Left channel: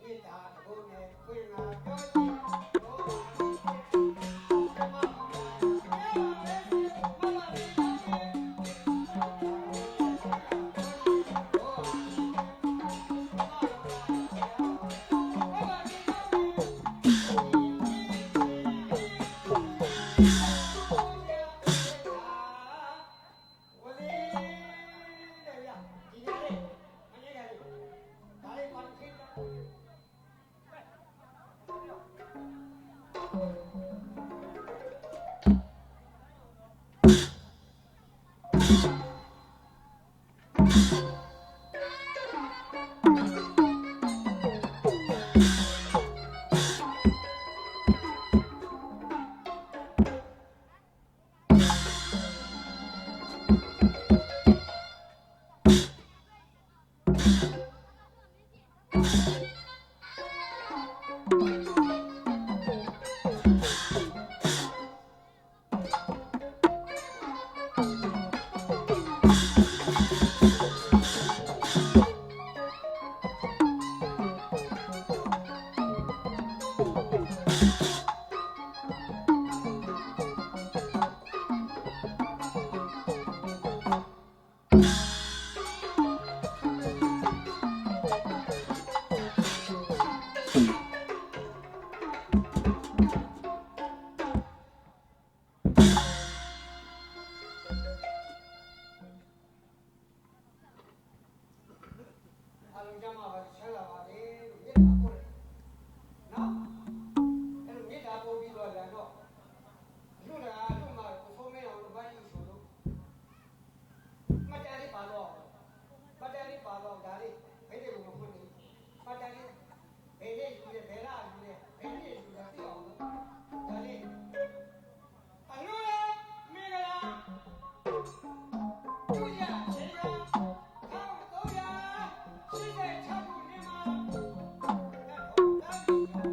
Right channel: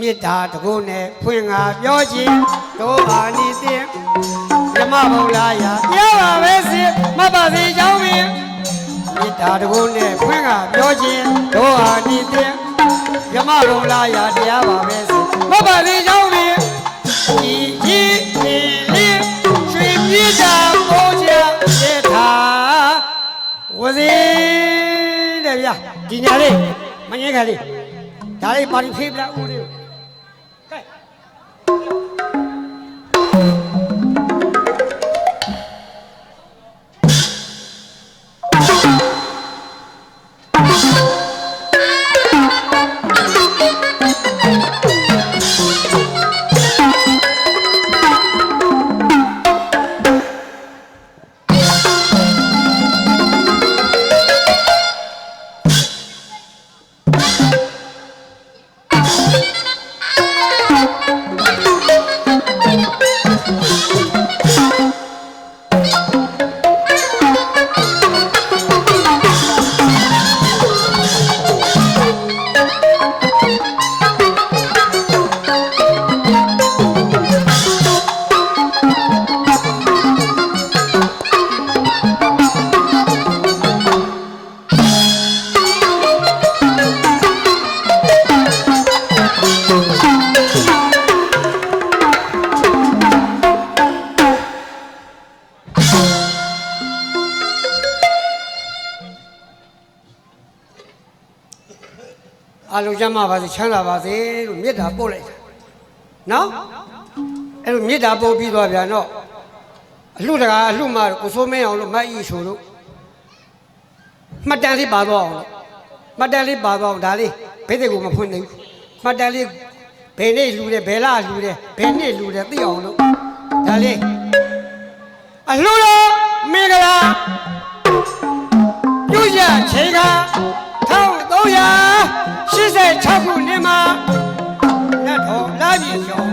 မေတ္တာတကုနဲ့ဖွင့်ငါပြောခြင်းတို့အာနိသင်ဓမ္မဘုံလာရာပြောပါပဲစေမတ်ပါစေကြောင်းပင်မေတ္တာတကုနဲ့ဖွင့်ငါပြောခြင်းတို့အာနိသင်ဓမ္မဘုံလာရာတရားပါပဲစေမတ်ပါစေကြောင်းပင်ဤကြီးနေလေးရွှေပြေးတာပေါ်ချစေတာဝစီတဲ့ဗျာဒီညာလေးမငင်းခါလေးဒါလေးပါရီဖေးပလာဦးလေး အလုံးကျမ်းပါစေချမ်းသာပါစေလို့မေတ္တာပို့လိုက်တာနော်အဲ့လိုမေတ္တာပို့ပြီးသွားပြန်တော့အလှတကာအလှမကိုစိုးမင်းအောင်လို့မတ်ဤဆိုလို့မှတ်တမ်းလေးပါသွားအောင်လို့မှတ်တမ်းလေးပါသွားအောင်ဒါလေးဘယ်တဲ့ကိုမဖွင့်နိုင်ဘူးမှတ်တမ်းလေးဘယ်နေ့လှူတယ်ဘယ်လလှူတယ်ဘယ်နှစ်လှူတယ်သိအောင်လို့ဒါလေးအလှတော်မင်္ဂလာပြုရချိန်က 1386ခုနှစ်မှာနတ်တော်လာပြီကျော်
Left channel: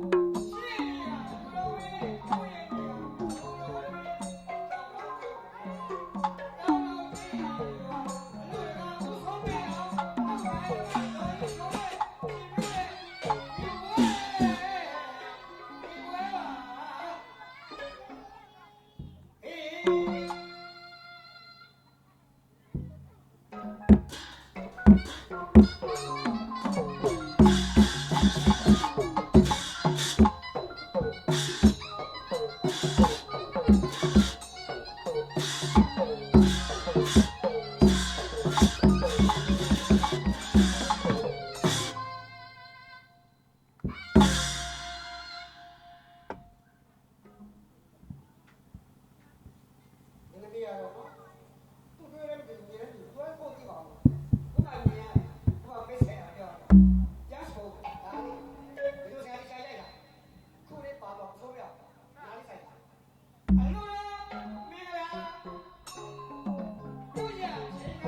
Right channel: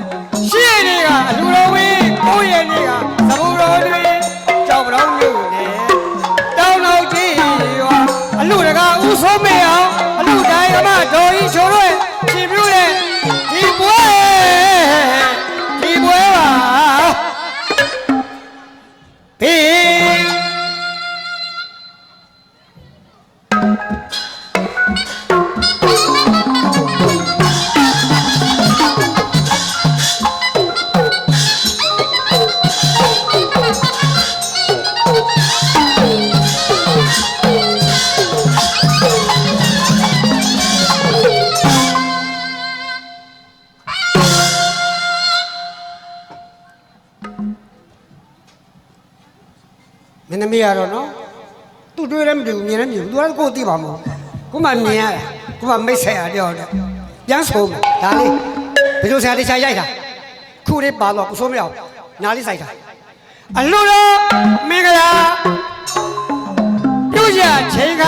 တွေးလည်းမတူဘူးမြင်လည်းမမြင်ဘူးသူကကိုယ်သိပါမဟုတ်ခုမှမြင်ရတာခုမှမိတ်ဆက်ရတယောက်တည်းပြန်ဆိုမယ်ဒါလေးဘယ်လိုဆရာတရားရိုက်တာခုလေးပါတော့ကိုစိုးမရအောင်နားလေးစိုက်တာအလိုတော်မင်္ဂလာပြုရချိန်က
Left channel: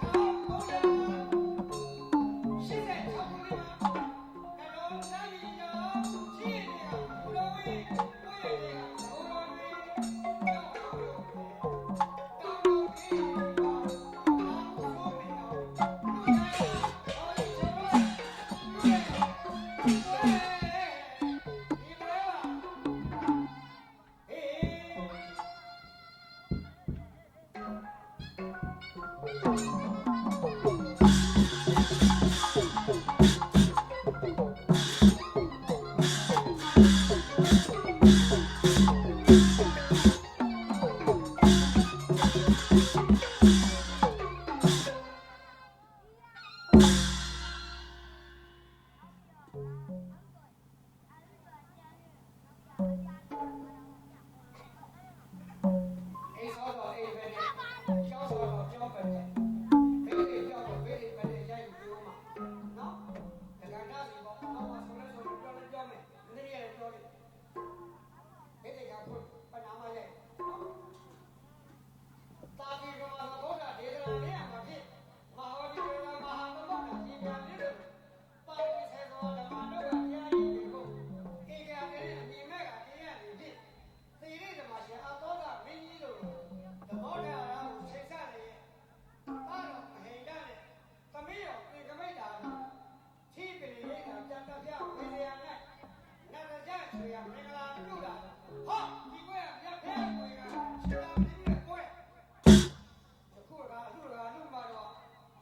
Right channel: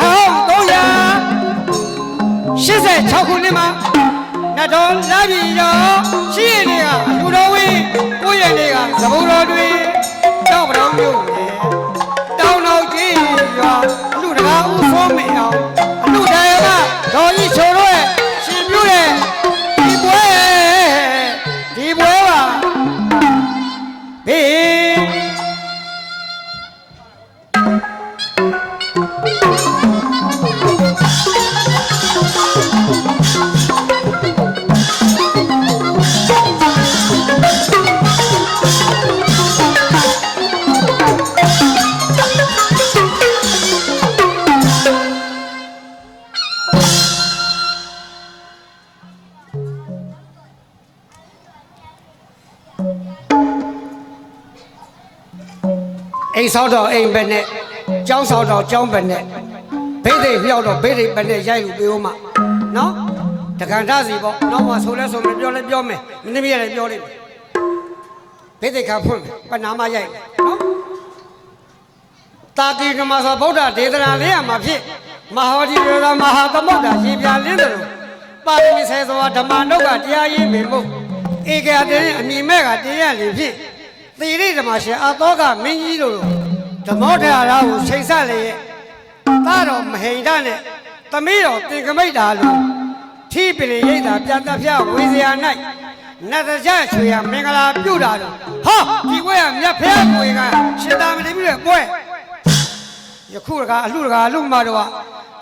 1386ခုနှစ်မှာနတ်တော်လာပြီရောရှိရနေကအလူတော်ဝင်းကိုယ့်ရဲ့နေက အိမ်ဆောက်တော့အိမ်ပဲနဲ့ကျောင်းဆောက်တော့ကျောင်းပဲနဲ့ဘိသိက်လျှောက်တော့ဘိသိက်ပဲနဲ့ရိုက်လို့ပြောမှနော်တက္ကန့်ထစီပေါ့နောက်မှဆိုလဲဆိုမယ်ပြောလဲပြောမယ်မင်းသမီးရတယ်ပြောလိမ့်မယ်ဘိသိက်ခါဖွင့်မယ်ပနာမရိုက်မယ်နော်တာတိကမသောဗုဒ္ဓဒေသနာလေးရမှာဖြစ်မဟာဝတိရေသာမဟာသမုဒ္ဒရေပြလင်းတယ်လို့ပါရမီဆယ်သောဓမ္မနုတ်ကတရားရင်းပင်မို့ဧကရတဲ့အမိမဲ့ကတရားလေဖြစ် သီရိဓမ္မရှင်အသောကမင်းကြီးတို့ဓမ္မောထရာကိုချိန်ဆက်လေရဲ့သားတော်မဟိန္ဒနဲ့သမီးတော်တင်ကမိတ်တာလို့ထီးပင်ရိတ်တာပြန်တဖျဝေစရာ၌နတ်တကြချွေရမင်္ဂလာပြုတာတော့ဟာဒီကွဲကမြတ်ဖျားကိုကရှင်သာမဏေပြုတဲ့ကွဲယခုတကားအလှတကားအလှမတော်က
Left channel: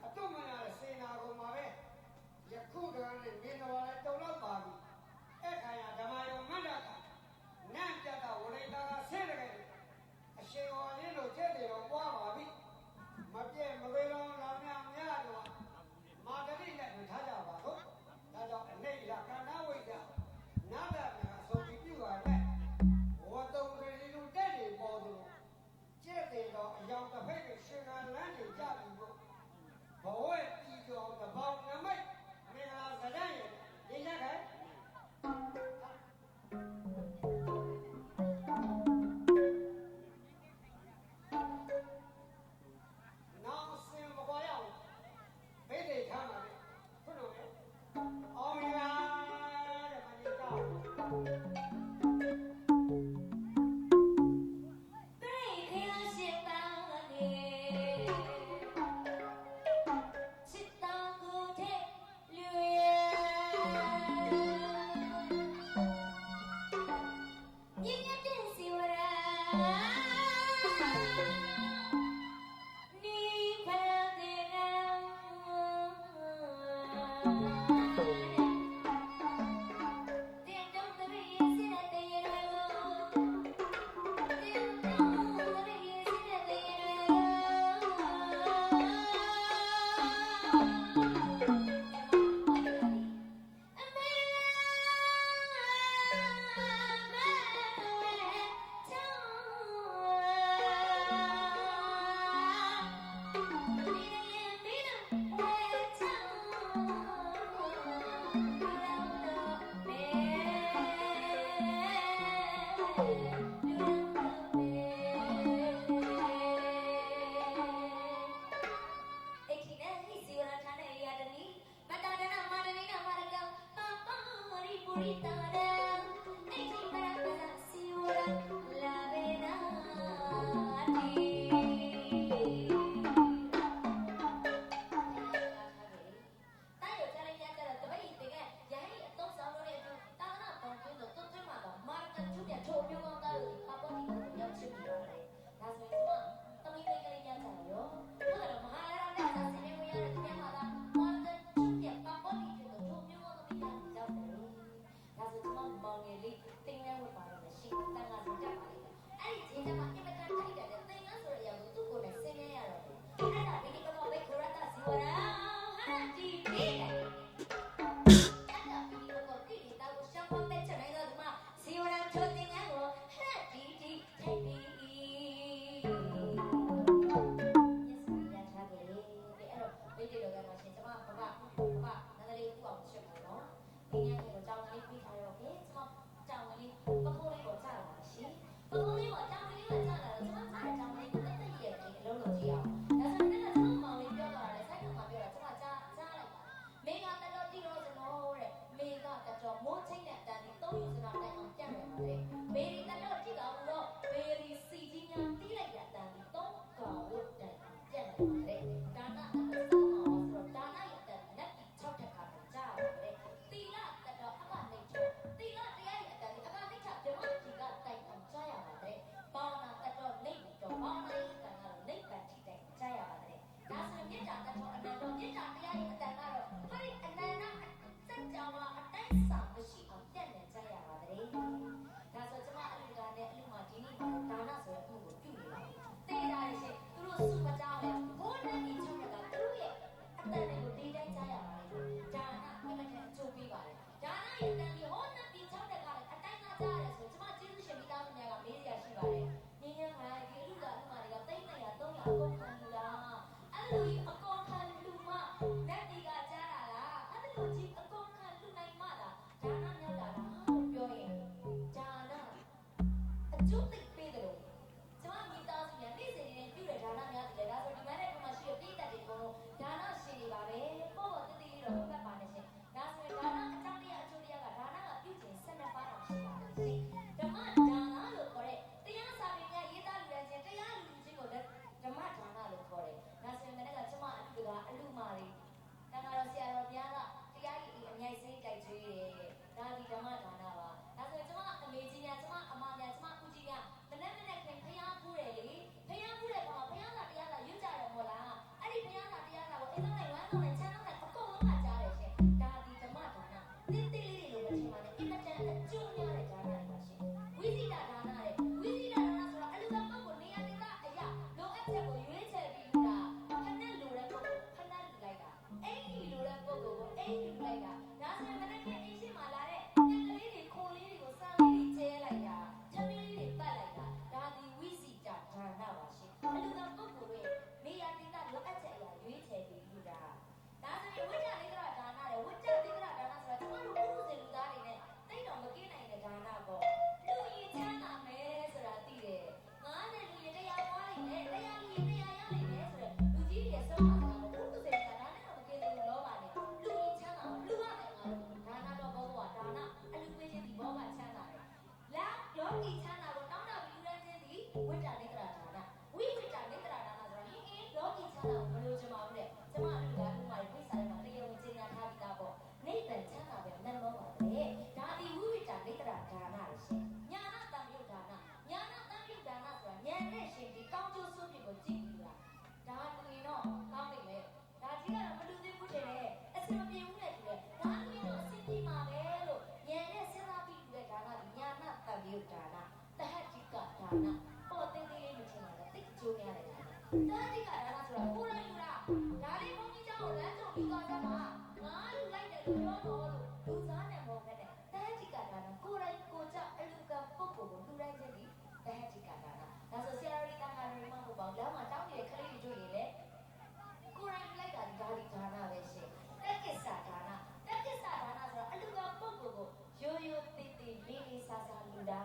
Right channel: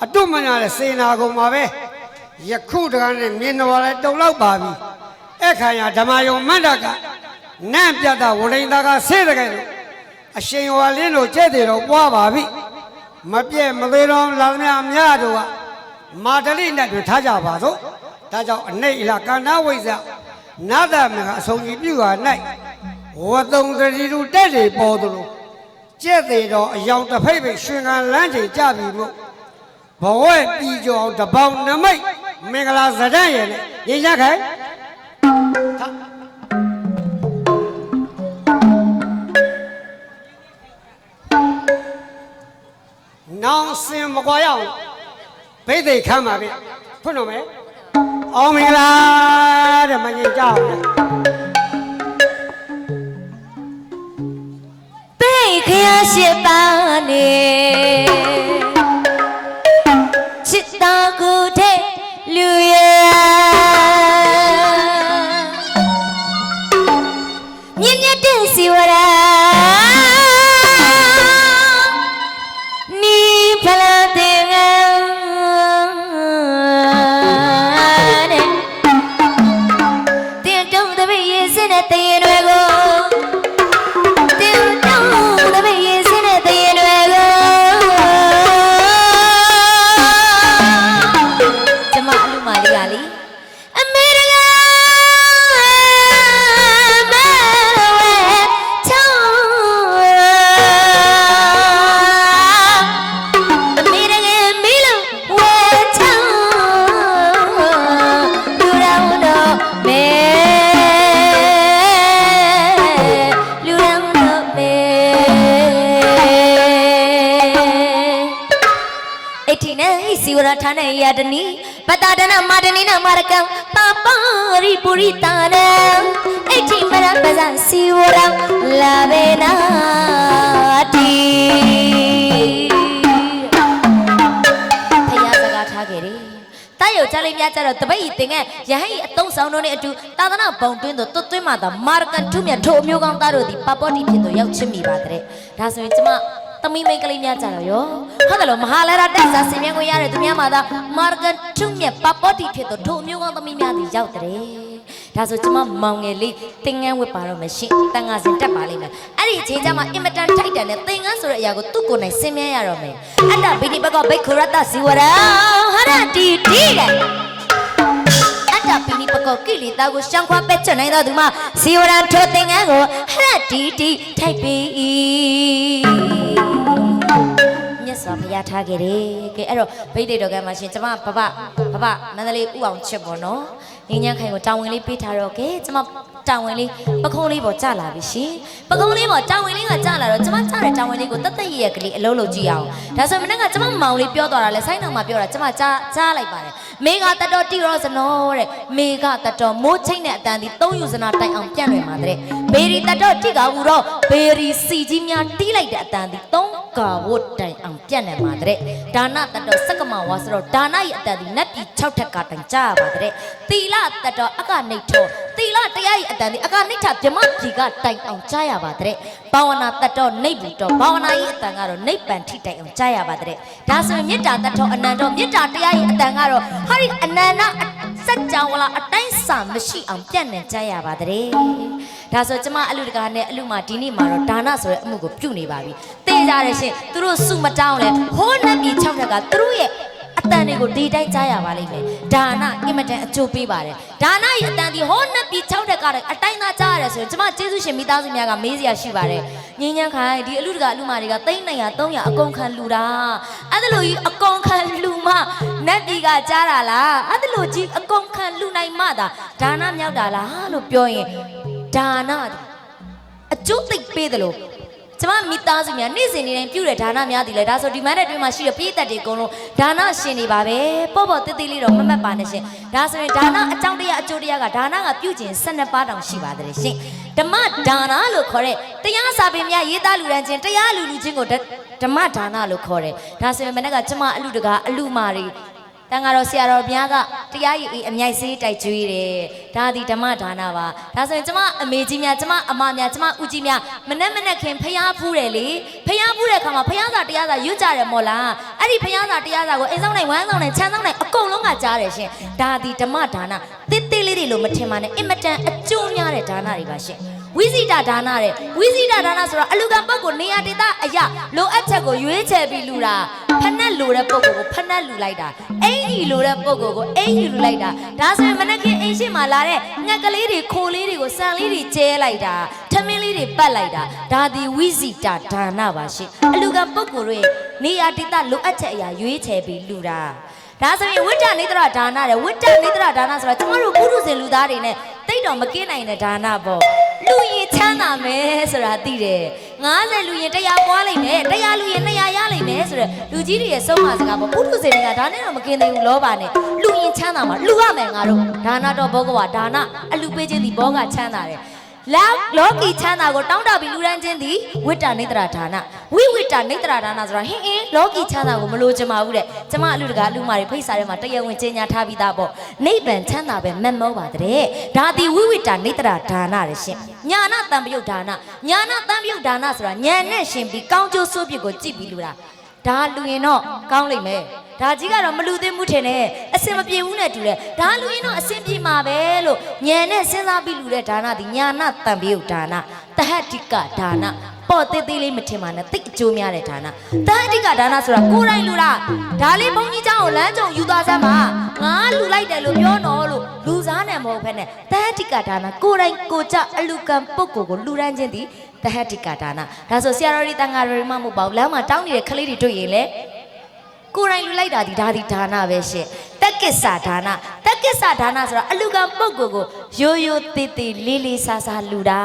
အတုမညာတဲ့စေနာကုန်ပါပဲယခုတကားနဲ့မြင်တော်လဲတုံလောက်ပါပြီအခါရဓမ္မယုံမန္တက နန့်ပြတ်တာဝရိန်သားကဆေးတကယ်လို့အရှင်ဝါလင်းတို့ကျဲ့တယ်တော့ပွားပါပြီမပြည့်မသေးတော့လာသမျှအများတို့ကမာတလိနဲ့တွင်ထားကြပါစို့ဒါကြောင့်အနိတ်လာကန္နာဝိဇ္ဇနာတမကအဆုံးကြီးပြုဟာ၌ဝတုံတတိလူတက်တွေပေါ်သလိုကျက်သေးတော့အယောင်တစ်ဖိတ်ဖိတ်ရှင်ခံလမ်းချိန်ကြပြီမို့ဘဝပြီးကြောင်တပေါင်းနမိတ်မင်္ဂလာဇဒတ်ရဲ့နဲ့ရင်းရခိုင် နောင်စင်မကွာရအောင်ဘိသိက်ခမ်းပါပြီဖွင့်တော့မယ်အောင်မင်္ဂလာတဲ့မငင်ကြောက်လေပိတ်ခရရှိပါ တနီပတဒနာမာဒနီနာမာရကံပပရိပုရိတာနံအထီမရပဇာစီဝရလာဘေနာတီဖယားစကားထားခဲ့တယ်တားရုပ်ကြလေးများကြတော့တပိတ်ဤတင်ငယ်ရဟိအတုံးဆောင်တို့နဲ့အတူသာသနာဘုံတွင်းသို့တွတ်သွင်းမှသာမာရကန်ထုမြတ်ထိုအမျိုးကောင်းသားတို့သည်ပပောတိဖြစ်သို့ရောက်ချစ်မိပါတဲ့ဒါဆိုရင်ကျမ သမီးမိန်းကလေးများကြတော့ရောဟုတ်တယ်လို့မဟာလာရတက်စာဆင်မြင်ခွင့်ရတဲ့သူများမှာသာမာရကန်ထုမြတ်ပပောတိဖြစ်သို့ထိုအမျိုးကောင်းသမီးများသည်ရောက်တဲ့ဒါဆိုကျမမောင်ငယ်လေးသင်ငန်းဝတ်ပါတော့မရှင့်တန်ငါစင်တက်ပါလိမ့်မယ်အဲ့ဒီအချိန်ကျမှအင်မတန်ထိုက်တန်တဲ့သင်ငန်းဆိုတဲ့အရာကိုသူ့ကိုယ်နိုင်ဆင်မြင်ရတော့မယ်အတ္တဘိနိဘကောဘိက္ခုရတ္တဇီဝရဟရတီတီတဲ့အတ္တပိနိပကောကိလေသာကိုရှောင်ခွာပက်ချွတ်နိုင်တော်သူမှာဇီဝရထိုသင်္ကန်းကိုဟရတီတီထိုက်ပြီ မြတ်စွာဘုရားထားခဲ့တယ်ကဲအဲ့တော့ဗိဒိတ်တော်ကမှာရှင်ကျမဘဘဘဘမန္တလေးဥအောင်ချစ်ပေါ့နော်ငင်းညခိုင်ကိုတာဝန်လေးပေးထားတော့ကဲကျမတာဝန်လေးပခုံးလေးပေါ်ကျလာပြီရှင်ပခုံးလေးပေါ်တာဝန်လေးကကျလာတော့ကျမကျတဲ့တာဝန်လေးကိုတသက်ရရကလေးအလုံးလုံးကြည့်အောင်ဒါဆိုမနေ့ကကျမမောင်လေးပြောသွားတာလဲဆိုင်းတော်မှာပြောတာကျမကြားကြားလိုက်ပါတယ်မေဃတတော်တိရောစနောတဲ့မေဃတတော်မိုးချိတ်နဲ့အတန်ဒီသုံးယူစနာတိုင်အောင်ပြန့်လွင်ပါတဲ့ဘေရီတတော်တိကဟူတော့ဘေရီစီကြီးများတီးလိုက်တဲ့အတန်ဒီသုံး ကာဝတ်တိုင်အောင်ပြန့်နေပါတဲ့ဒါနတတော်စက္ကမဝါဆိုတော့ဒါနရဲ့အတန်ဒီနတ်ပြည်6ထက်ကတိုင်ကြားပါတဲ့သီလတတော်အကနေထော သီလတရားရဲ့အတန်ဒီအကနေထဗြမပြည်ကတိုင်အောင်ကြားရပါတဲ့ဘာဝနာတတော်နေဘူးတော်ဘာဝနာရဲ့အတန်ကတော့နိဗ္ဗာန်ထိတိုင်အောင်ကြားရပါတဲ့ဒါဆိုရင်မေတ္တာတတော်အနန္တော်မေတ္တာတရားရဲ့အတန်ကတော့ဟာဒီအနန္တစัจ java လာအတိုင်းစာမရှိအောင်ပြန့်နေကြရပါတဲ့ဒါဆိုကျမအလူတကာနဲ့အလူမဒီနေ့မှာတော့ဒါနဆိုတဲ့အမှုကိုပြုနေပါပြီသိကြရရှင်သူတို့စုမတောင်းလဲဟိုးနတ်ပြည်6ထက်ကသူတို့ရဲ့ အတန်တွေကိုဒီတိုင်းကြားရပါလိမ့်မယ်ဒါနအင်မတန်အကျိုးပေးပါတယ်ဒါနရဲ့အတန်ဒီဟိုးနတ်ပြည်6ထက်ကလည်းအတိုင်းသားကြားရတယ်ဆိုရင်ကျမကျေးဇူးရှင်မိသားစုများကမေးစရာရှိပါတယ်ငင်းညမ်းခိုင်ဒီအလူတကာအလူမတွေကသိန်း900 300အကုန်ခံလူတာအဲ့ဒါလို့ကြီးအကုန်ခံလူမနတ်ပြည်ကကြားတာလားအဲ့ဒါလို့ကြီးအကုန်ခံလူနိုင်မှသာဒါနမြောက်တာလားလို့ပြောရင်ဒါနအကျိုးသိပ်ပေးတယ်လို့ ကျမမိသားစုများနေ့စဉ်နေ့တိုင်းပြုတဲ့ဒါနများသည်လေဒါဆိုဒီမန်းတဲ့တွင်မှာရှိတဲ့ပြည်သက်တွေအကုန်လုံးဒါနရှင်နေပါပဲပေါ့ပေါ့တိတိလေးတော့မမတ်ပါနဲ့ရှင်ဒါဆိုရင်ဒါနအကြောင်းတရားအကျိုးတရားကဒါနကပြုကျင်12ပါးတောင်ရှိပါတယ်ရှင်ဓမ္မဒါနလို့ခေါ်တဲ့တရားစာပေများရေးသားလူရန်ချင်းတရားလူလူချင်းကိုဓဓမ္မဒါနလို့ခေါ်တယ်ဒါဆိုရင်မနေ့ကကျမအလူတကာအလူမာတွေ တန်ဃာတော်ဆရာတော်ဘုရားကတရားရည်အမြိုက်စေးတိုက်ကျွေးတယ်ဒါဒီဓမ္မဒါနပါဒါဆိုရင်ကျမအမေကြီးများကျမအမများကျမဦးကြီးများမနဲ့မနဲ့ခင်ဖျားဖူးတယ်လေဖျားဖူးတဲ့အခါမှာဖျားစာတရားစာရွတ်ကြတယ်မို့လားအဲ့ဒီဖျားစာတရားစာကိုအိမ်ဆောင်နိုင်ဝမ်းဆောင်နိုင်ချမ်းဆောင်နိုင်အကုန်လုံးကကြားတယ်ရှင်ဒါဒီဓမ္မဒါနတစ်သေးလေးတွေလို့မထင်ပါနဲ့အင်မတန်အကျိုးများတဲ့ဒါနတွေပါရှင်ဝိဇိတဒါနတဲ့ဝိဇိတဒါနဆိုတော့အလူကံပုဂ္ဂိုလ်နေရာဒေသအရာလိုအပ်ချက်ကိုရွေးချယ်ပြီးလူတာ ဖက်နှက်လိုတဲ့ပုဂ္ဂိုလ်ကိုဖက်နှက်လူလိုက်တာအင်ကြီးလိုတဲ့ပုဂ္ဂိုလ်ကိုအင်ကြီးလူလိုက်တာဒါဆိုရင်မနက်ခင်းအင်ရှိမှလာတဲ့ငှက်ကလေးတွေခိုလေးတွေကိုဆန်လေးတွေကျဲလိုက်တာထမင်းလေးတွေပတ်လိုက်တာဒါဒီဝိဇိတဒါနပါရှင်အလူကံပုဂ္ဂိုလ်တွေနေရာဒေသလိုအပ်ချက်အရာရွေးချယ်ပြီးလူတာဒါဆိုရင်ဝိတ္တနေတရဒါနတဲ့ဝိတ္တနေတရဒါနဆိုတော့ကျမတို့ပုရုဇဉ်လူသားတွေနဲ့တိတ်တော်မကင်းနိုင်တဲ့ဒါနပေါ့ လူရင်ချမ်းသာမယ်ဆိုတာသိတယ်90လူရင်100ပွားလိမ့်မယ်100လူရင်200ရလိမ့်မယ်ဆိုတော့လူကြီးတွေရဲ့ဆုံးမစကားပေါ့ပုရုဇဉ်တွေကဒါနဲ့တော့မကင်းသေးဘူးလောပါနဲ့လူရင်ချမ်းသာမှာလူရမယ်ငါတို့ဒါနတော့ဘောကဝဒါနအလူပေးခြင်းဒီဘောကချမ်းသာတယ် လောက်လောကီချမ်းသာကိုတောင်းတပြီးလူရန်ချင်းသည်ဝိတ္တနေတရဒါနဝိဝိတ္တနေတရဒါနဆိုတာဟင်းအင်းလောကီချမ်းသာကိုမလိုချင်ပါဘူးတဲ့ကျမအလူတကာအလူမတွေဖိတ်စာထဲမှာတရားဝင်ကြေညာထားပြီးသားပေါ့နိဗ္ဗာန်ချမ်းသာပဲမက်မောပါတဲ့ဒါသည်ဝိဝိတ္တနေတရဒါနတဲ့ရှင်ညာနာတံပယုတ်ဒါနညာနာတံပယုတ်ဒါနဆိုတာညာနဲ့ရှင်ပြီးကောင်းကျိုးဆိုးပြစ်ကိုကြည့်ပြီးလူတာ ဒါလူရင်တော့ကောင်းလိမ့်မယ်ဒါကြီးကတော့မလူသိမှုထင်တယ်အစင်မပြေဘူးနဲ့တူတယ်ဒါလူရင်တော့အစင်ပြေမှာပဲလို့ညံနဲ့စဉ်းစားပြီးလူတဲ့ဒါနဒီညာနာတံပယုတ်ဒါနတဟတ္တိကဒါနပေါ့သေးသေးလေးမထင်ပါနဲ့တိတ်အကျိုးများတဲ့ဒါနတဟတ္တိကဒါနဆိုတာကိုယ်တိုင်လူတာဒါလေးဘုန်းကြီးเจ้าကိုလမ်းကြုံယူသွားစမ်းပါငါလူလိုက်တယ်လို့ပြောတော့လို့လူစားနဲ့မဟုတ်ဖ ೇನೆ တဟတ္တိကဒါနကိုယ်တိုင်ကိုကြအလူကံပုဂ္ဂိုလ်ကိုလူရန်ချင်းသည် တဟတ္တိကဒါနဒါဆိုဆရာတော်ကြီးတန်ဃာတော်ကြီးမှမဟုတ်ပါဘူးလမ်းမှာတောင်းနေတဲ့ကလေးတွေတွေ့ရင်လေကိုယ်တိုင်လူလိုက်တာဒီဒါဒီဒါနပဲရှင်တက္ကစ္စဒါနတက္ကစ္စဒါနဆိုတာအလူကံပုဂ္ဂိုလ်ကိုရိုးရိုးသေးသေးလေးလေးစားစားလူတာ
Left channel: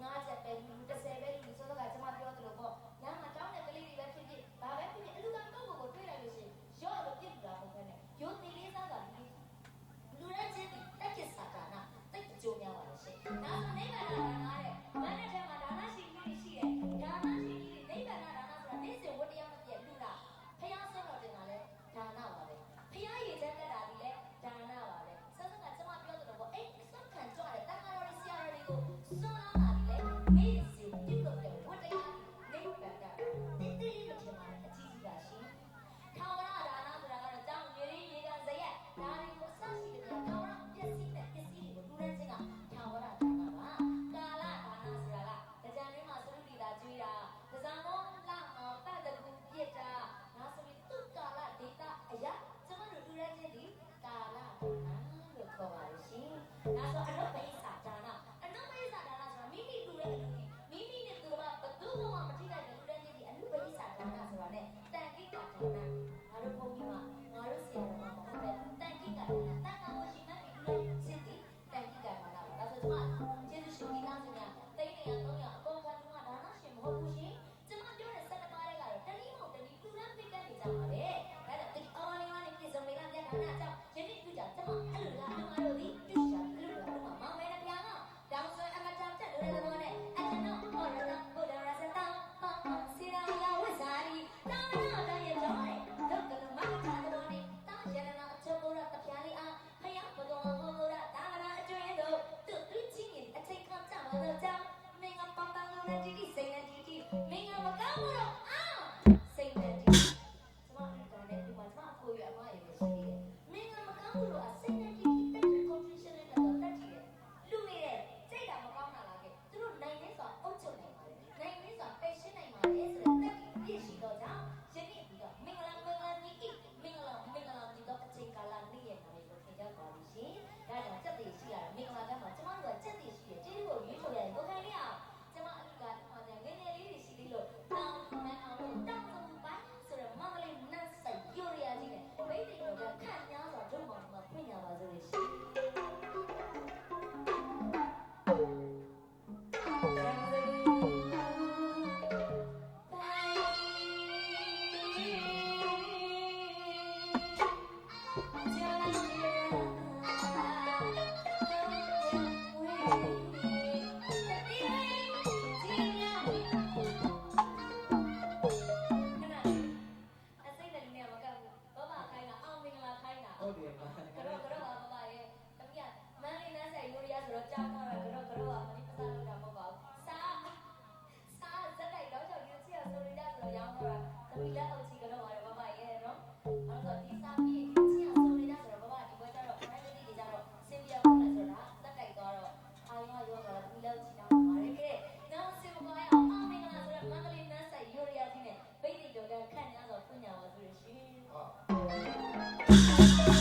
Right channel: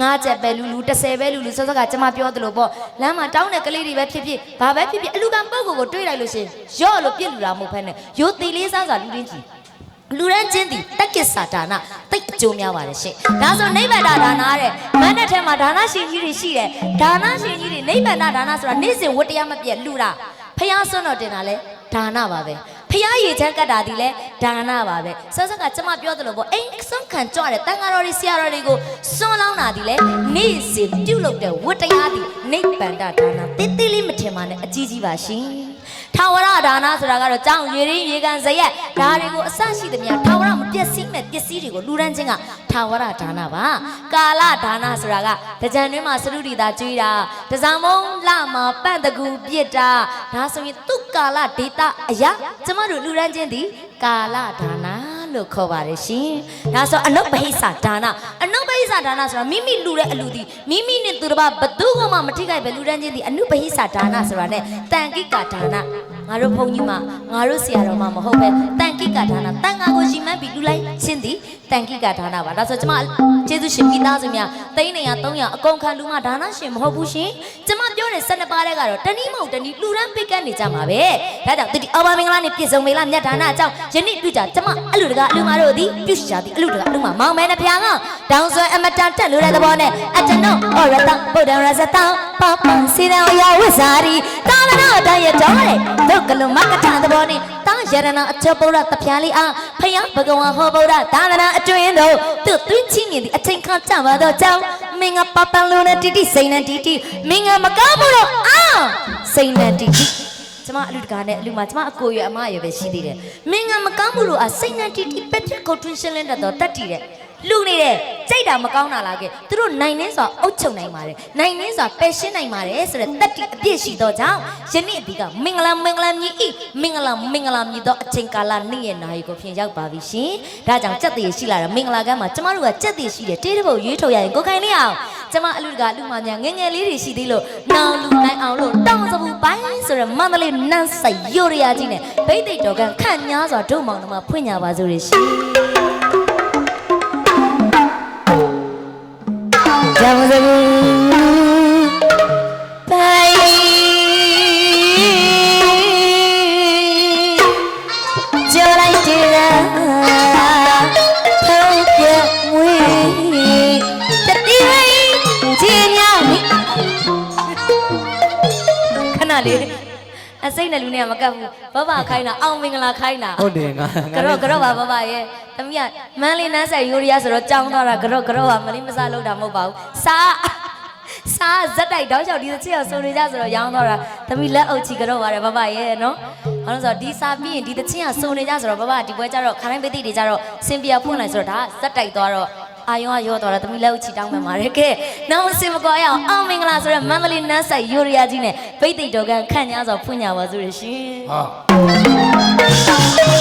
ငါးချက်ပဲလူလူ30ပဲလူလူစောစောကကျမပြောသလိုပေါ့လမ်းမှာတောင်းတဲ့ကလေးတွေပဲဖြစ်ဖြစ်ဘာပဲဖြစ်ဖြစ်အလူကံပုဂ္ဂိုလ်ကိုတွေးလိုက်လို့ရှင်ရော့လို့ပြစ်လူတာမဟုတ်ဘဲနဲ့ရိုးသေးလေးစားစားလူရင်းကြီး လူရန်ချင်းသည်တက္ကစ္စဒါနတိတ်အကျိုးများပါတယ်ရှင်ဒါဆိုနိဗ္ဗာန်ဒါနတဲ့မန်းတဲ့ထဲမှာဒါနရှင်ကြီးတွေရှိတယ်ဒါနရှင်ကြီးတွေနိဗ္ဗာန်ဒါနဆိုတာနေ့စဉ်ဝတ္တရားမပြတ်လူတာဖះဆွန်းတော်တင်တာလဲဒါနပါပဲဖះရေချမ်းကတ်တာဒီလဲဒါနပါပဲဆက်ဆက်ကကျမပြောသလိုပေါ့အိမ်ဆွန်းခံကြွတဲ့တန်ဃာတော်တွေဆရာတော်တွေကိုဆွန်းလောင်းတာဒီလဲနေ့စဉ်ပြုတ်လုပ်တဲ့ဝတ္တရားဒီနိဗ္ဗာန်ဒါနတိတိလေးမထင်ပါနဲ့အကြီးကြီးပါရှင် ထာဝရဒါနဆိုတာကတော့ကြောင်းရေရင်းရေကန်ဇရက်ဒါတွေကိုအဆရှိသမျှထာဝရမပျက်စီးမဲ့ပစ္စည်းတွေကိုလူရန်ချင်းကထာဝရဒါနပါကာလဒါနဆိုတာကတကြံတွင်းမှာစရုဒီတာကျွေးတာတဇံမုံလမှာပန့်တကူပြစ်တာဒါဆိုရင်သူ့ကာလဒေတာအရာကျမတို့လူရန်ချင်းသည်ကာလဒါန လို့ခေါ်ပါတယ်ရှင်ဒါဆိုအနုပဟိသဒါနအနုပဟိသဒါနဆိုတာမိမိလူတဲ့အလူဒီမိမိနဲ့သူတစ်ပါးဘသူကမှမထိခိုက်ပဲလူရန်ချင်းသည်အနုပဟိသဒါနဆိုတာ ਨੇ တန်ကိကဒါနငါတို့ဘုန်းကြီးမငါတို့ဆရာတော်မမဟုတ်ပဲတန်ကိကဒါနတန်ငါကိုရှင်မန်းပြီးလူလိုက်ချင်းသည်တန်ကိကဒါနပါဒါဆိုကျမကျေးဇူးရှင်မိသားစုများသိန်း100 300အကုန်ခံလူမဒါနရှင်မဟုတ်ဘူးရှင်ကျမပြောတဲ့12ပါးတဲ့ကတော့တနည်းမဟုတ်တနည်းလူရန်ပိတ်ကတ်နေကြမှာပဲဒါကြောင့်တတိအော်ဘာမင်္ဂလာနဲ့ပြည့်စုံမေလားမြတ်ဒါနအကြောင်းယနေ့ပြုကြကျမအလူတကအလူမတို့သည်ပြုကြသည်အလူတကအလူမမောင်မဲနှဖျားကတောင်ဆွဲအမတန်တက်လို့တဲ့သဘောနဲ့အကျွန်ုပ်ဩရတဗုဒ္ဓရဇတပပစီရန်ရဝိဇာရီတာလနာတရတော်တဲ့ဒုက္ကလုံမကထသဘောနဲ့တာ ယရဏအချပုရတဖျားလေးအားဖျားဘဂဝါဟောဗုဒ္ဓသာသနာအတွင်းသို့သူသွင်းချင်းမြင်သည့်အချိန်ခါကြပါတော့ကြောင်းမင်းကပပန်လုံးနဲ့တီတီစိန်နဲ့တီတီမင်းကမကောင်းဘူးတော့အာစိန်နဲ့တီတီကျမအလူတကာနဲ့အလူမကျမအကိုရအမရပဲရှိသေးတယ်မင်းကမကောင်းဘူးလို့အစိတ်နဲ့တီတီပက်ထရစ်ကိုထွင်းရှင်းလင်းတတ်တော့တတ်တည်တယ် လူနေတယ်ကြိတ်တာမကောင်းတာလားကဲသူတို့နိုင်နေစွာအုပ်ချုပ်နိုင်ပါတယ်နိုင်နေစွာပယ်ရှင်းနိုင်ပါတယ်ဆိုတဲ့တတ်တည်အပြည့်ရှိတော့ကြောင့်ယနေ့ဒီကမင်္ဂလာမင်္ဂလာမြည်ဤမင်္ဂလာမင်္ဂလာမြည်တော့အချိန်ကာလနေ့ရဲ့နာရီကိုဖြင်ရောက်ပါပြီရှင်ဒါကြောင့်ကြက်တည်ရှိလာတဲ့မင်္ဂလာကမ်းမှာကျမတို့ကကြက်တည်ရှိတယ်တေးတပုတ်ရွေးထုတ်ရရင်ကိုခိုင်လေးအောင်ကျမအလူတကာလူမများငယ်ငယ်လေးတွေရှိသေးလို့နောင်လူနိုင်အောင်လို့တောင်းစပူပိုင်းဆိုရယ်မန္တလေးနန်းဆိုင်ရိုရရာကြီးနဲ့ဗိတ်သိက်တော်ကခန့်ညားစွာဒုမောင်နှမဖွင့်ညာပါစို့ရရှင် ကြောင် စိမ့်နဲ့လူနဲ့ကမကပ်ဘူးဘဘခိုင်းတာအောင်မင်္ဂလာခိုင်းတာဟုတ်တယ်ငါကတော့ကတော့ပါဘဘရဲ့သမီးကမန်းလေးနန်းဆိုင်ယူရီးယားဆိုတော့ကြောင်းသွားတာကတော့ကတော့ပါမလေးမစားလို့တာမဟုတ်ပါဘူးစားစားဇက်တိုက်တောက်ချောက်ဒီချစ်အောင်စုံနေကြဆိုတော့ရောင်းသွားတာသမီးလက်အုပ်ချီကတော့ပါတယ်ဘဘရဲ့နော်ဘာလို့လဲဆိုတော့ဒီစားပြီးရင်ဒီတချင်းကစုံနေကြဆိုတော့ဘဘဒီပွဲကျတော့ခရိုင်းပိသိတွေကျတော့စင်ပြဖွင့်လိုက်ဆိုတော့ဒါဇက်တိုက်သွားတော့ အာယုံကရောသွားတာသမီးလက်အုပ်ချီတောင်းမှမှာတယ်ကဲနောက်စင်မကွာရအောင်အောင်မင်္ဂလာဆိုတော့မန္တလေးနန်းဆိုင်ယူရီးယားကြီးနဲ့ပိသိတော်ကခန့်ညာဆိုဖွင့်ညာပါစုရရှင်ဟာ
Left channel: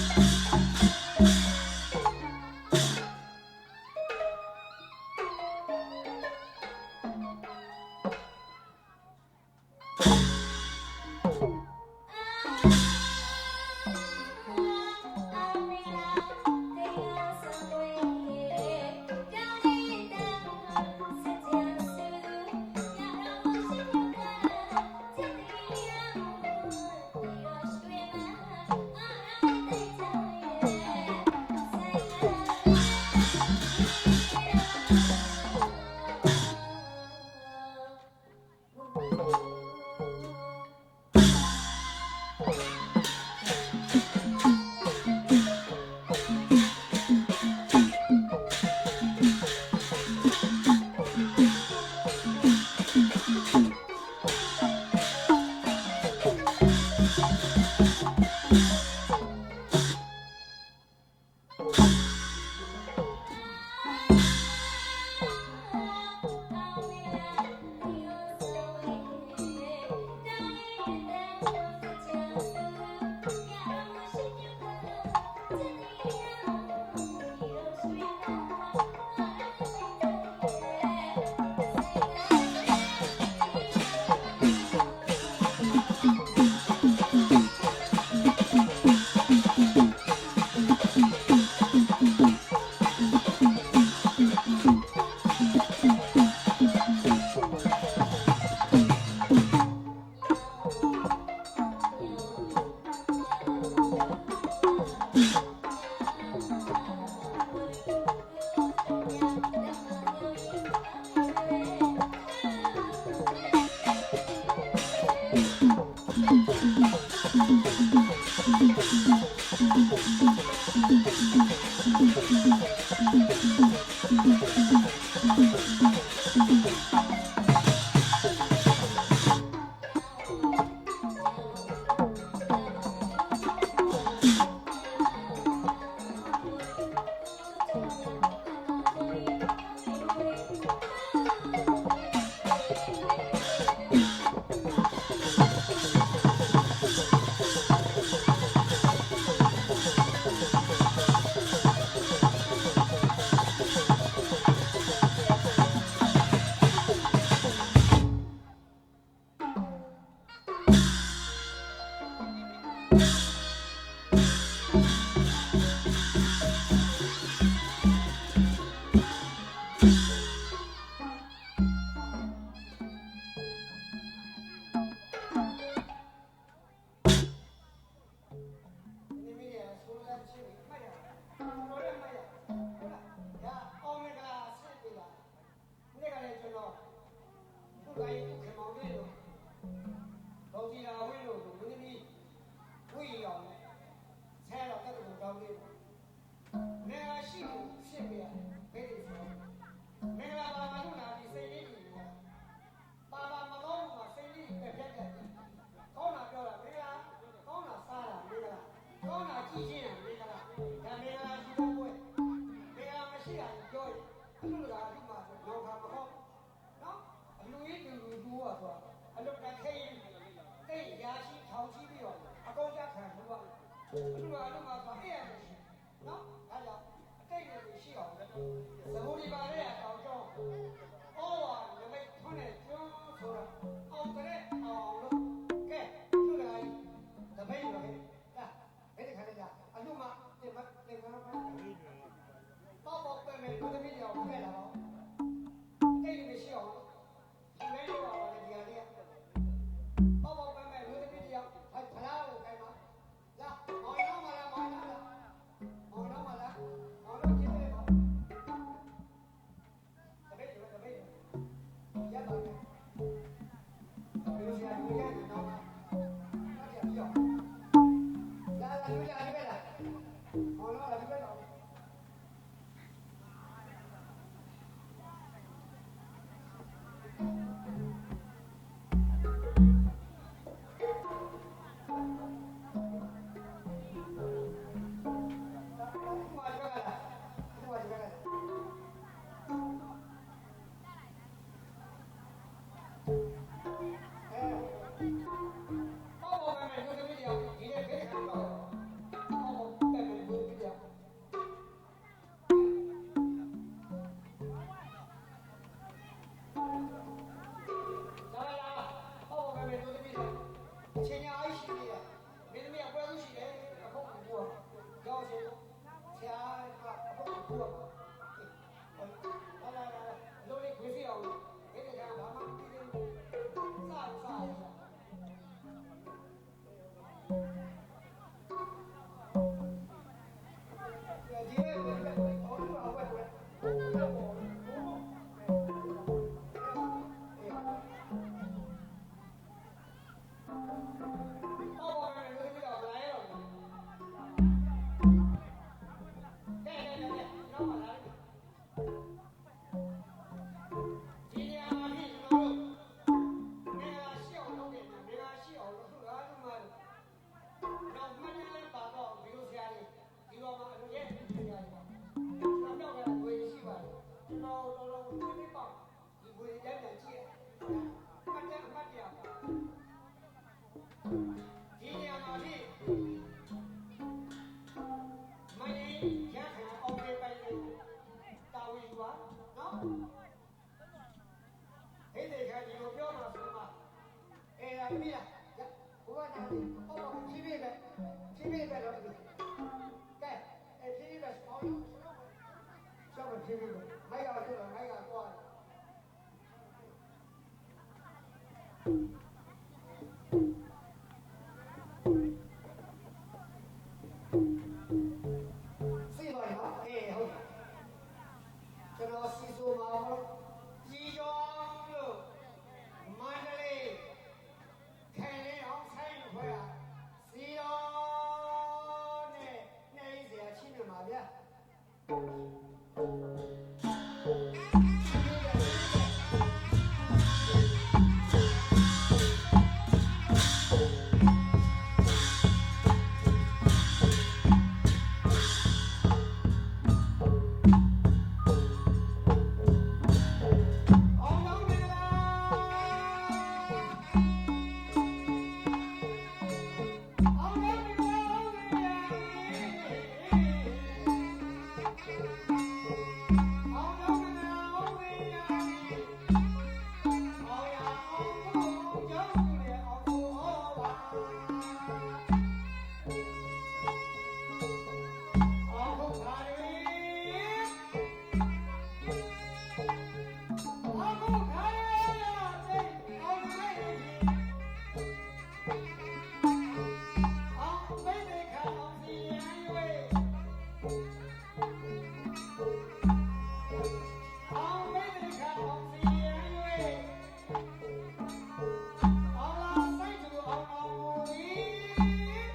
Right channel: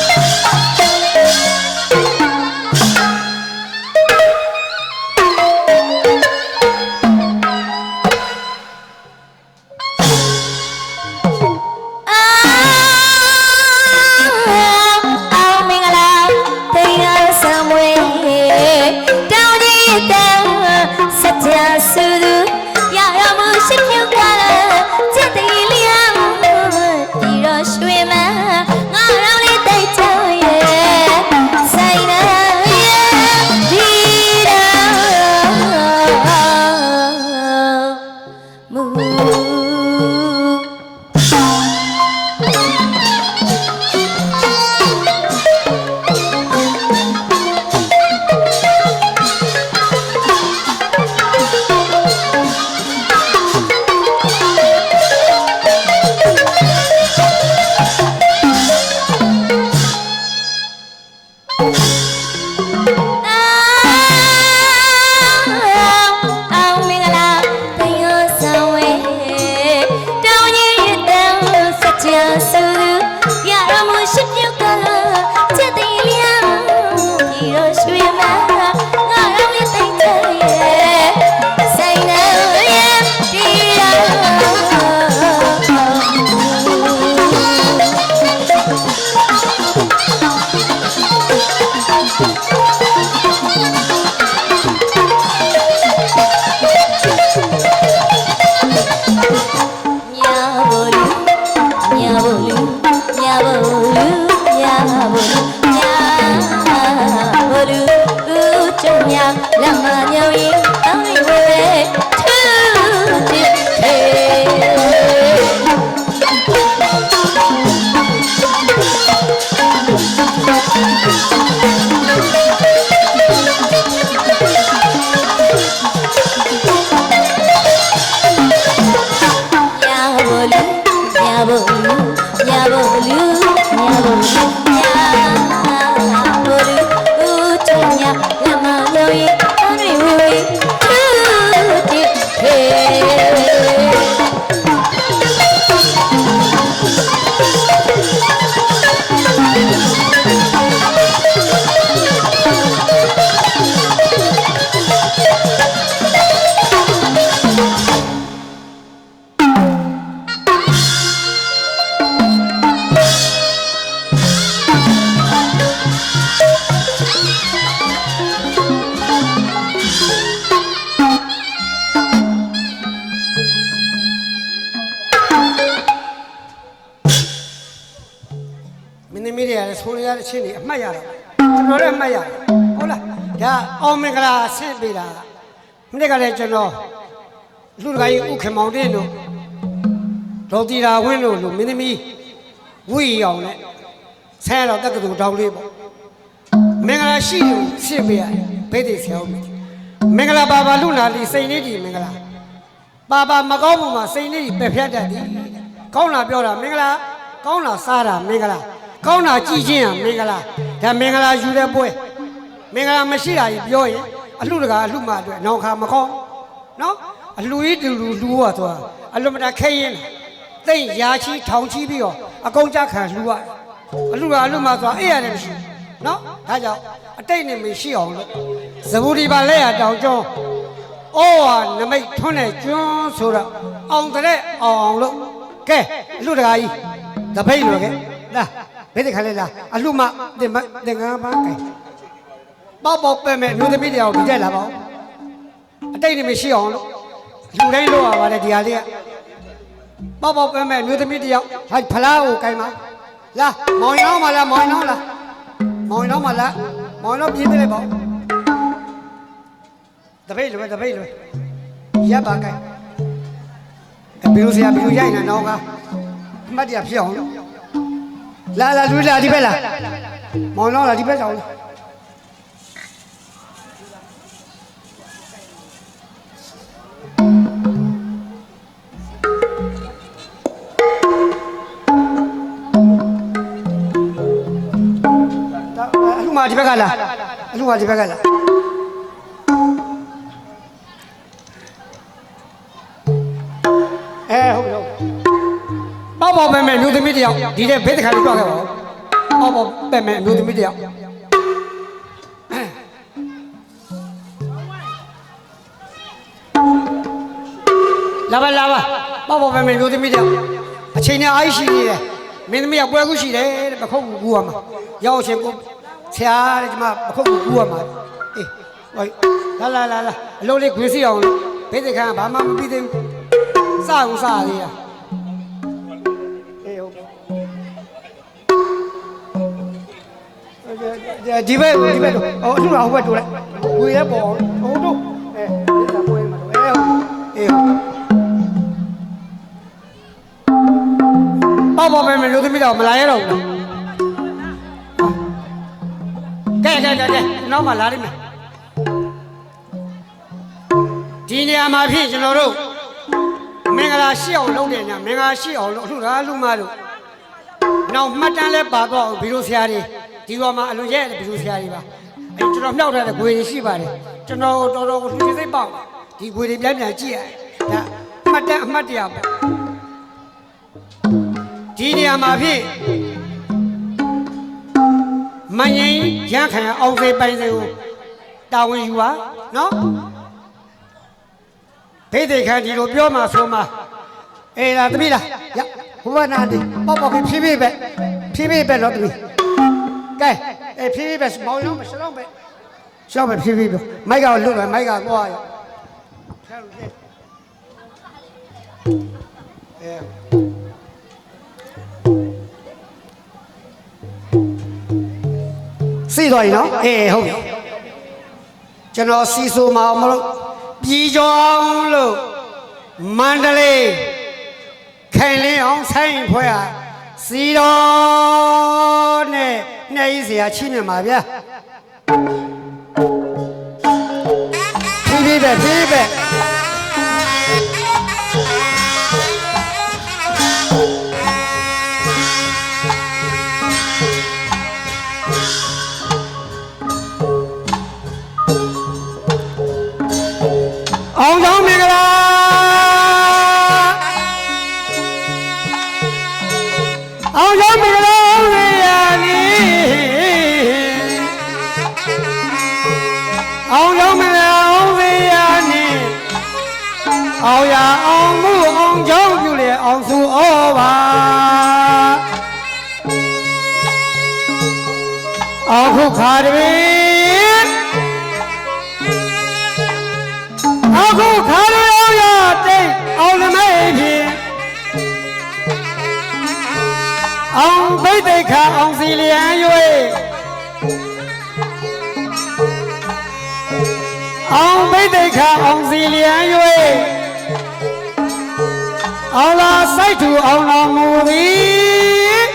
မနေ့ကလည်းကျွန်တော်လူတကာကြီးဥခင်မောင်တင်းတို့ဒေါ်တီရာဝင်းတို့လူမင်းသမီးဝီအောင်နဲ့ဆဲတော့တက္ကသိုလ်တောင်းလေးပေါ့မင်္ဂလာရှိလို့ဆင့်ပေးရတယ်ဘိသိက်ဆရာဦးမင်္ဂလာပါပါလူနာလီစိန်လေးဒီမင်္ဂလာပါပါမကောင်းမှုမှာစိန်လေးပဲဖြတ်တတ်သည်ကောင်းတာပြောတာမင်္ဂလာကောင်းတာစားတာမင်္ဂလာကောင်းတာကြည်ချင်းရမင်္ဂလာဒါမင်္ဂလာယူတဲ့ပွဲမင်္ဂလာမရှိတာကြီးပြောရင် အလှတကာအလှမအတွက်နောင်ခါမကောင်းနော်အလှကြီးတူလူလူရသွားအလှမတာခဲရင်သိမ့်ရာချီထောင်ချီပြီးတော့အကုန်ကြခံလှူရအလှကအလှမသွားအဲ့ရတယ်မရှိနော်ဒါကြောင့်အတိတ်နဲ့မရှိအောင်လို့ဇဘူဒီပါလက်ရတောင်ကျောင်းဩဝါနမိတ်ထွန်းတဲ့ကျွန်းဆိုတော့အောင်တဲ့အောင်အောင်လို့ကဲအလှတကာကြီးတပိတ်လို့ကဲလာဘယ်တခါလဲလာအလှမတင်မတင်ငါပါကဲ ပေါ့ပေါ့ပဲ့မဲ့မျိုးသမီးတရားကိုဒီတက်လာပါဦးအတိတ်နေမရှိအောင်လို့လူတိုင်းလို့ရပါတယ်ဒီဟာလေးကပေါ့ပေါ့ပဲ့မဲ့မျိုးသမီးတရားဟာဖလားကိုကင်ပါလာမောင်ရောင်းပါလားမောင်ရောင်းလားမောင်ရောင်းပါလားမောင်ရောင်းပြင်းပြလိုက်ပါဦးတပိတ်လွယ်တပိတ်လွယ်ရပ်ပါကဲအဘီလိုဆရာဘီလိုရိုက်နေတော့ကမှတ်တရဖြစ်အောင်လာလာလူလာဒီဘက်လာမောင်တော့လာဒီဘက်ဆောင်အလူ ဒီဘက်ကလာအလူမဒီဘက်ကလာအဲဟုတ်ပြီဟုတ်ပြီပေါ့ပေါ့ပဲမဲ့မျိုးသမီးတယောက်ဒီတဲ့ဘေးတစ်ခါလေးတော့ခဲ့ပါဦးပေါ့ပေါ့ပဲမဲ့မျိုးသမီးတယောက်လာပါလာပါပေါ့ပေါ့ပဲမဲ့မျိုးသမီးတယောက်အချိန်နဲ့အားရှိနေတယ်မင်းသမီးကပွဲခုရှိတယ်တဲ့ပခုတ်ကူကူရမှာရောက်ချင်းကို ဆရာတဲ့ကျမပခုတ်ကူကူရမှာအေးဟိုလာလာလာလာအလုံးလေးခွေးစီအောင်လို့ဘေးတစ်ခါဘာမှမပြီးသေးဘူးစအောင်စသေးရအေးဟုတ်ဒီဘက်ဒီဘက်တော့ဟိုအထူးဟိုဘက်တူလိုက်ဝေရဲပေါ်ဟိုတို့အဲဒီကပွဲမှာတော့အဲဟုတ်အေးဟုတ်ပေါ့ပေါ့ပဲမလို့သမီးတော့မလာရတော့ဘူး ကဲကဲကဲကဲနောက်မှလာလိမ့်မယ်ဒီနေရာမှာဖြစ်ကျွန်တော်တို့မင်္ဂလာရှိအောင်လုပ်တယ်ညာမင်္ဂလာရှိအောင်လုပ်အခုဒါလူမတို့နောက်မှတ်တမ်းလဲပါတော့ဘီလိုဆရာတွေဒီပေါ်မှာအလွန်ရဲ့ဘီလိုဆရာတွေပါအဲကျွန်တော်မြောက်ထားတဲ့ဂွေတွေရှိပါတယ်ကျွန်တော်တော်တော်ကိုလူစိတ်ပေါက်ဒီဂွေတွေပြန်ပြန်ကြည့်ရတယ်ဒါမှတ်တမ်းအမှတ်တရပေါ့ဒီနေရာမှာဖြစ် မငိမ့်ရန်ခံအောင်စေပိုင်စေကိုတာဝန်ယူပါနော်ဒိဋ္ဌိခံဒီလိုပြောမှဆိုမှအေးလားတပည့်လားရဘုရားနာတိပေါ့ပေါ့ဖြည်းဖြည်းပဲဖြည်းဖြည်းပဲတော့တပည့်ကဲအေးဖြည်းဖြည်းပဲမောင်ရောမရှောင်းပဲရှောင်းပဲဖြည်းဖြည်းပဲမိုက်ကလွတ်ပဲမိုက်ကသွားရ စီးသွားပြီနော်အေးဟုတ်ပြီကျွန်တော်စီဆိုမှာမလို့ပြည်ကျော်လို့မန္တလေးခိုင်လင်းအောင်ဆိုင်ဖွဲ့ဟာစီတော်နဲ့နှဲ့ရေးစရာချိနေမှာဗျာဖြည်းဖြည်းပဲဖြည်းဖြည်းပဲ ခါအောင်စီလျံ၍အောင်ဘိတ်တိတ်ခါအောင်စီလျံ၍အောင်လာစိုက်သူအောင်တော်မူသည်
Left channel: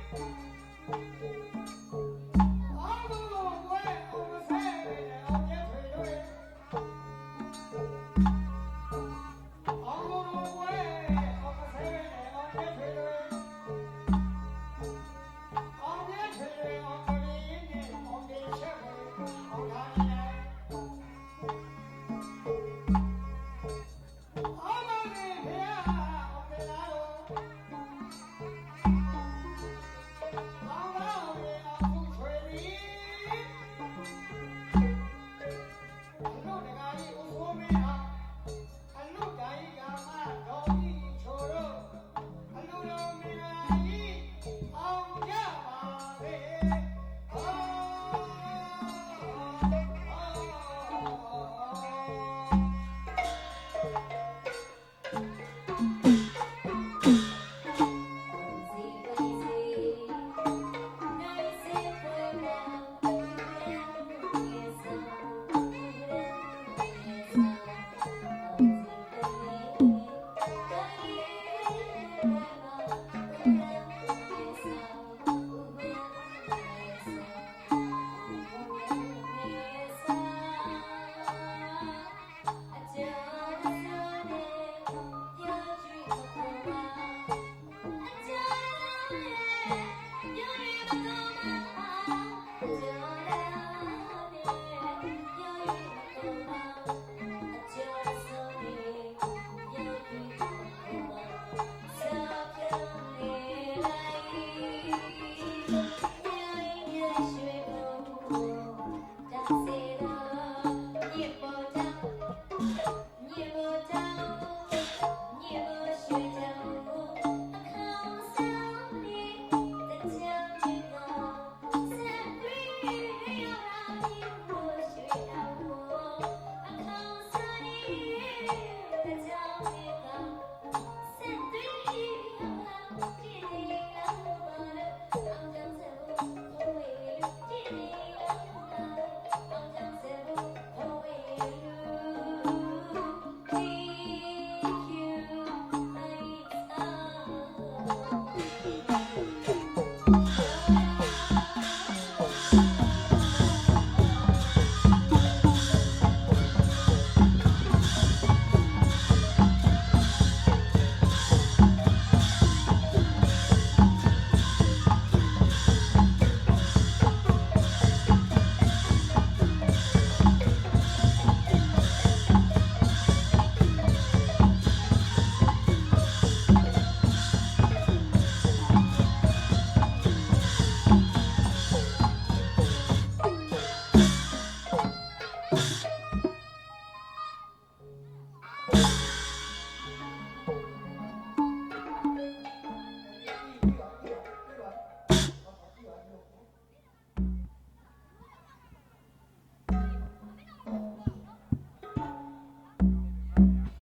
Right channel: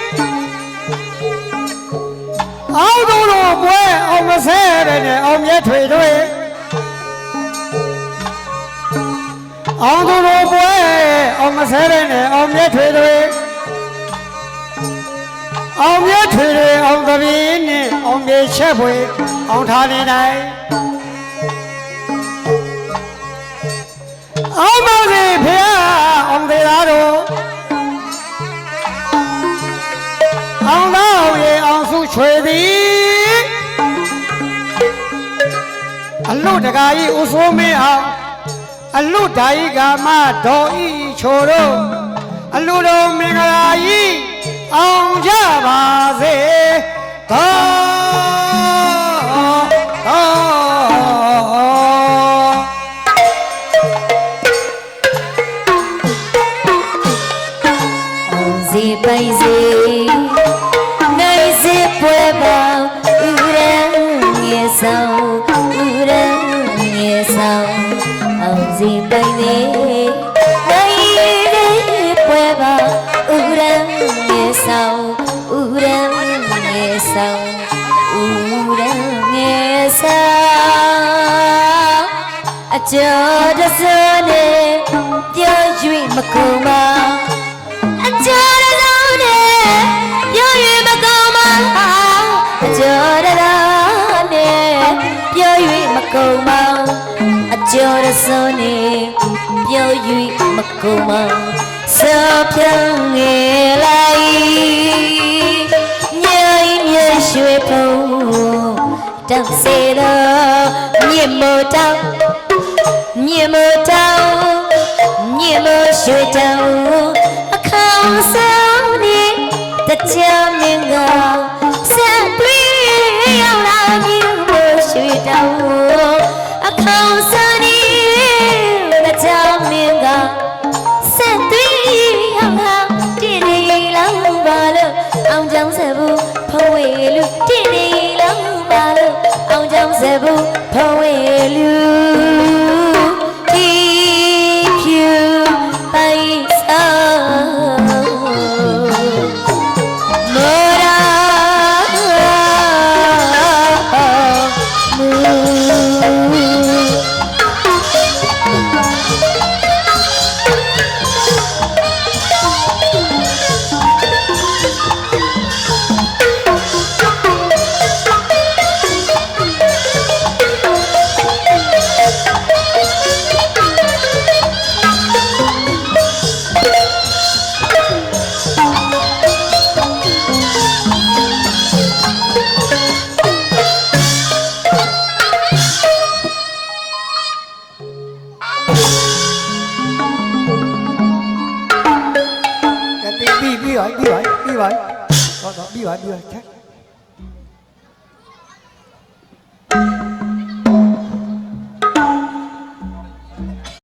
အောင်တို့တို့ပွဲအောင်မဆဲတဲ့နဲ့အောင်မြတ်ထွေတို့အောင်သူတို့ပွဲအောင်မဆဲတဲ့နဲ့အောင်မြတ်ထွေတွေ အောင်မြတ်ထွေတွေအောင်သပင်းနဲ့အောင်မြေချက်ပွဲအောင်ထားနေတိုင်းအောင်ပါစေဖေဟာအောင်သေးသားတို့အောင်သားရေအောင်စုချွေသည်အလို့တကာကြီးဦးစိုးမင်းအောင်အလုဓာယိကာမဒေါ်ဤချိုတို့အလုတော်မင်္ဂလာကြီး အောင်ကြပါစေသော じ。 ညင်မတောင်ညင်မရွှေတောင်